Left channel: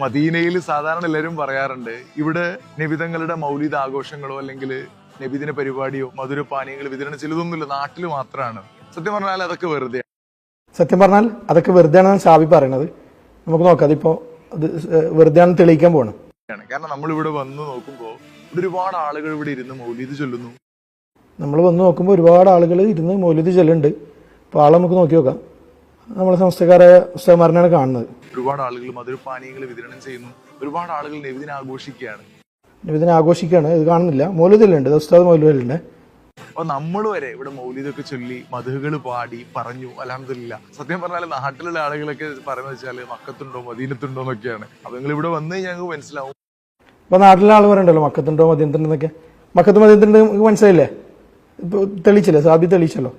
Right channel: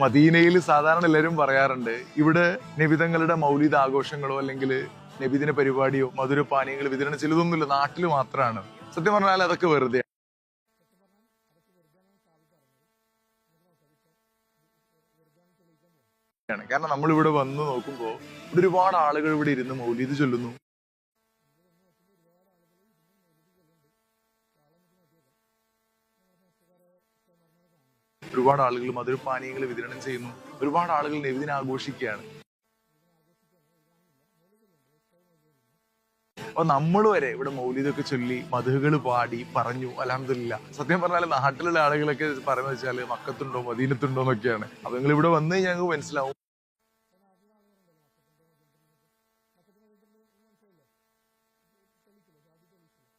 മദീനയിൽ സാധാരണ എല്ലാവരും പറയാറുണ്ട് ഇവിടെ നബിതങ്ങളുടെ മൗലിദ് ആഘോഷങ്ങളോ അല്ലെങ്കിൽ നബിദിന പരിപാടിയോ മധുരപാനീയങ്ങൾ വിതരണം ചെയ്തതൊന്നുമില്ല, നാട്ടിൽ മാത്രമാണ്. സത്യം പറഞ്ഞാൽ അതൊക്കെ വെറുതെ. സത്യം പറഞ്ഞാൽ അതൊക്കെ വെറുതെ ആണെന്ന് ഷാബി പറയണത്. നമുക്ക് നോക്കാം, അതിപ്പോ അത് വെറുതെ ആണെന്ന് തെളിയിക്കാൻ പോകണം. കാരണം നമ്മൾ ഇവിടെ വന്ന് നോക്കുമ്പോൾ ഇവിടെ ഒരുപാട് ആളുകൾ ഇവിടെ ഇരുന്ന് മൗലിദ് ചൊല്ലുന്നു. നമ്മൾ വന്ന് നോക്കുമ്പോൾ ഒരുപാട് ആളുകൾ ഇരുന്ന് മൗലിദ് ചൊല്ലുന്നുണ്ട്. അപ്പോൾ ആളെ നമുക്ക് നോക്കി നോക്കാം. നമ്മളെ സംസ്ഥക്കാരായ ഉസ്താദ്മാരനാണ് കാണുന്നത്. ഒരുപാട് ആളുകൾ മധുരപാനീയങ്ങൾ വിതരണം ചെയ്യുന്നു. ഒരുപാട് ആളുകൾ നബിദിനം ആഘോഷിക്കുകയാണ്. നബിദിനം ആഘോഷിക്കുകയാണ്. ഇത് കാണുന്നില്ല, മൗലിദിലുണ്ട്, ഉസ്താദ് മൗലിദിലുണ്ട്. അപ്പൊ നമ്മൾ വരെ ഇവിടെ മൗലിദൊക്കെ ചൊല്ലി മധുകൾ പാടി പറഞ്ഞു അൽഹംദുലില്ലാ. സത്യം പറഞ്ഞാൽ നാട്ടിലുള്ള ആളുകളൊക്കെ പറയുന്നത് വെച്ചാൽ മക്കത്തുണ്ടോ മദീനത്തുണ്ടോ എന്നൊക്കെയാണ്. അപ്പൊ നിങ്ങൾ ഇവിടെ വന്ന് ഞങ്ങൾക്ക് മനസ്സിലാവും. അപ്പൊ നാട്ടിലെ ആൾ പറയണ്ടല്ലോ മക്കത്തുണ്ടോ മദീനത്തുണ്ടെന്നൊക്കെ. മക്കത്ത് മദീനത്തുണ്ട് നിങ്ങൾക്ക് മനസ്സിലായില്ലേ? ഇപ്പൊ തെളിയിച്ചില്ലേ, സാബി തെളിയിച്ചല്ലോ.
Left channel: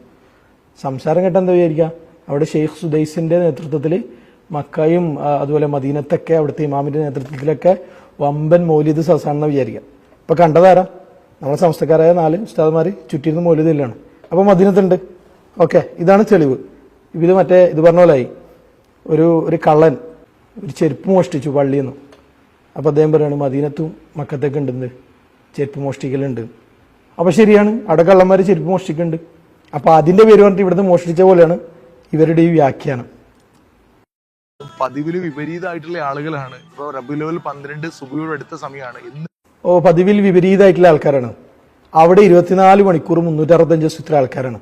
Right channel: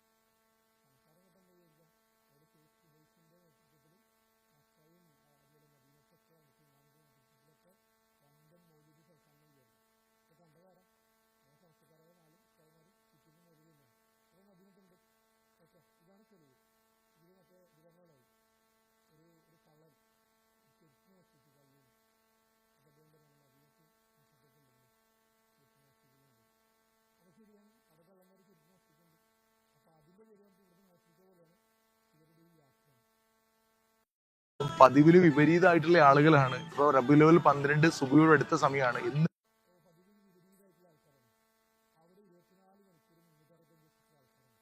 സംസാരം കേട്ടാ എന്താ വിചാരിക്കുക, അവിടെ ഷെയ്ഖ് സുദൈസിന്റെ നേതൃത്വത്തിൽ മക്കയും അതുപോലെ മദീനത്തൊക്കെ അവിടുത്തെ ഇമാമിന്റെ നേതൃത്വത്തിലൊക്കെ വമ്പൻ മൗലിദ് സസാണെന്ന് വിചാരിക്കാം. ഇപ്പൊ കണ്ടതാരാ? നമ്മളെ സംസ്ഥക്കാരായ 4 ഉസ്താദ്മാർ ചുറ്റിരുന്ന് മൗലിദിലാണ്. അപ്പൊ മദീനത്തുണ്ട്. ഓക്കെ, ഇതാണ് തെളിവ്. ഇത് ഇത് പറഞ്ഞ പോലായി. ഒരു കള്ളൻ ഒരു ചെരുപ്പ് മോഷ്ടിച്ചു പള്ളിയിൽ നിന്ന്. അപ്പൊ അദ്ദേഹം പറയാണ് മദീനത്തും മക്കത്തൊക്കെ ഉണ്ടെന്ന് ചെരുപ്പ് മോഷ്ടിക്കലുണ്ട്. അപ്പൊ ശരിയാണ്, അവിടെ കള്ളന്മാർ ചെരുപ്പ് മോഷ്ടിക്കുന്നുണ്ട്. അപ്പൊ അതിന്റെ പേര് പറഞ്ഞിട്ട് ഇവിടുന്ന് മോഷ്ടിച്ച പോലെയാണ് ഇവരുടെ ഈ വ്യാഖ്യാനം. പതിവില് വിപരീതമായിട്ടുള്ള ആളുകളാണ്. ഇപ്പൊ റബീഉൽ അവ്വൽ 12 സുബഹിയോട് അടുത്ത സമയമാണ്. പതിവിൽ വിപരീതമായിട്ടുള്ള ആൾക്കാരാണ്. അവിടെ 24 മണിക്കൂർ 365 ദിവസം ഇത്ര ആൾക്കാരാണ്.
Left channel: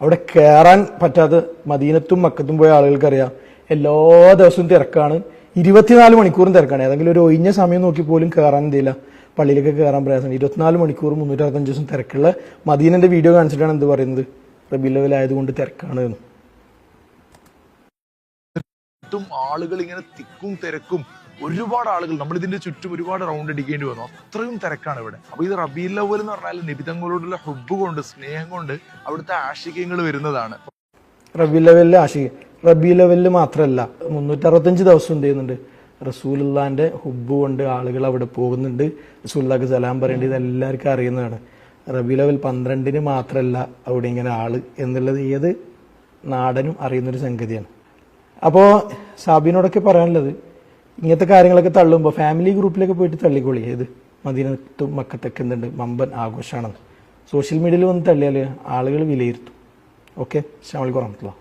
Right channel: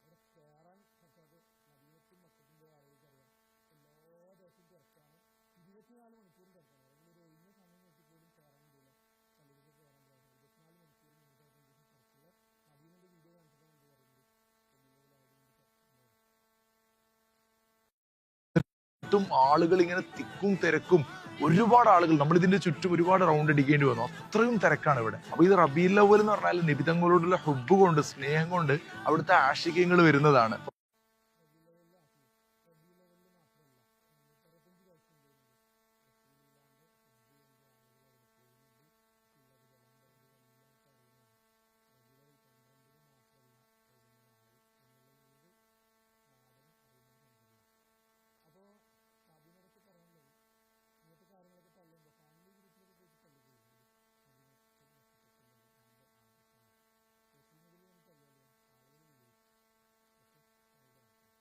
അവിടെ കയറാൻ പറ്റാതെ മദീനത്തും മക്കത്തും പോയ ആളുകൾക്കറിയാം, എല്ലാ ദിവസവും തിരക്കാണ്, 24 മണിക്കൂറും തിരക്കാണ്. ഏതെങ്കിലും ഒരു ഒഴിഞ്ഞ സമയം നോക്കി പോലും കയറാൻ എന്തില്ല, പള്ളിയിലൊക്കെ കയറാൻ പ്രയാസം. 24 മണിക്കൂർ 365 ദിവസം തിരക്കുള്ള മദീനന്റെ വീഡിയോ കാണിച്ചിട്ടാണ് എന്ത് പറയുന്നത്, റബീഉൽ അവ്വൽ ആയതുകൊണ്ട് തിരക്കാണ് എന്ന്. ആളുകൾ ഇങ്ങനെ തിക്കും തിരക്കും, ഒരുപാട് ആളുകൾ, നമ്മൾ ഇതിന്റെ ചുറ്റും ഒരുപാട് റൗണ്ട് അടിക്കേണ്ടി വന്നു. അത്രയും തിരക്കാണ് ഇവിടെ. അപ്പൊ ഇത് റബീഉൽ അവ്വൽ എന്ന് പറഞ്ഞാൽ നബിതങ്ങളോടുള്ള ഹുബ്ബ് കൊണ്ട്, സ്നേഹം കൊണ്ട് അവിടുത്തെ ആശികങ്ങൾ വരുന്നതാണ്. റബീഉൽ അവ്വലിലെ ആശിക റബീഉൽ അവ്വലിൽ മാത്രമല്ല, 365 ദിവസം എന്ത് ചെയ്യുന്നുണ്ട്, റസൂലുള്ളാന്റെ ഹുബ്ബ് കൊണ്ട് ആളുകൾ അവിടെ പോകുന്നുണ്ട്. റസൂലുള്ളാഹിക്ക് സലാം പറയേണ്ടത് എല്ലാവർക്കും അറിയുന്നതാണ്. റബീഉൽ അവ്വൽ 12 മാത്രമല്ല അവിടെ ഇങ്ങനെ ആള് എന്നുള്ളത് ഏത് നാടനും അറിയുന്നൊരു സംഗതിയാണ്. അപ്പോൾ സാബിനോടൊക്കെ പറയാനുള്ളത്, ഇങ്ങനത്തെ കാര്യങ്ങളൊക്കെ തള്ളുമ്പോൾ ഫാമിലി ഗ്രൂപ്പിലൊക്കെ പോയിട്ട് തള്ളിക്കോളി. ഏത് മദീനത്തും മക്കത്തൊക്കെ എന്തുണ്ട് വമ്പൻ ആഘോഷമാണെന്ന് സോഷ്യൽ മീഡിയയിൽ വന്ന് തള്ളിയാൽ ആളുകൾ വിലയിരുത്തും. ഓക്കെ, അസ്സലാമു അലൈക്കും വറഹ്മത്തുള്ളാഹി.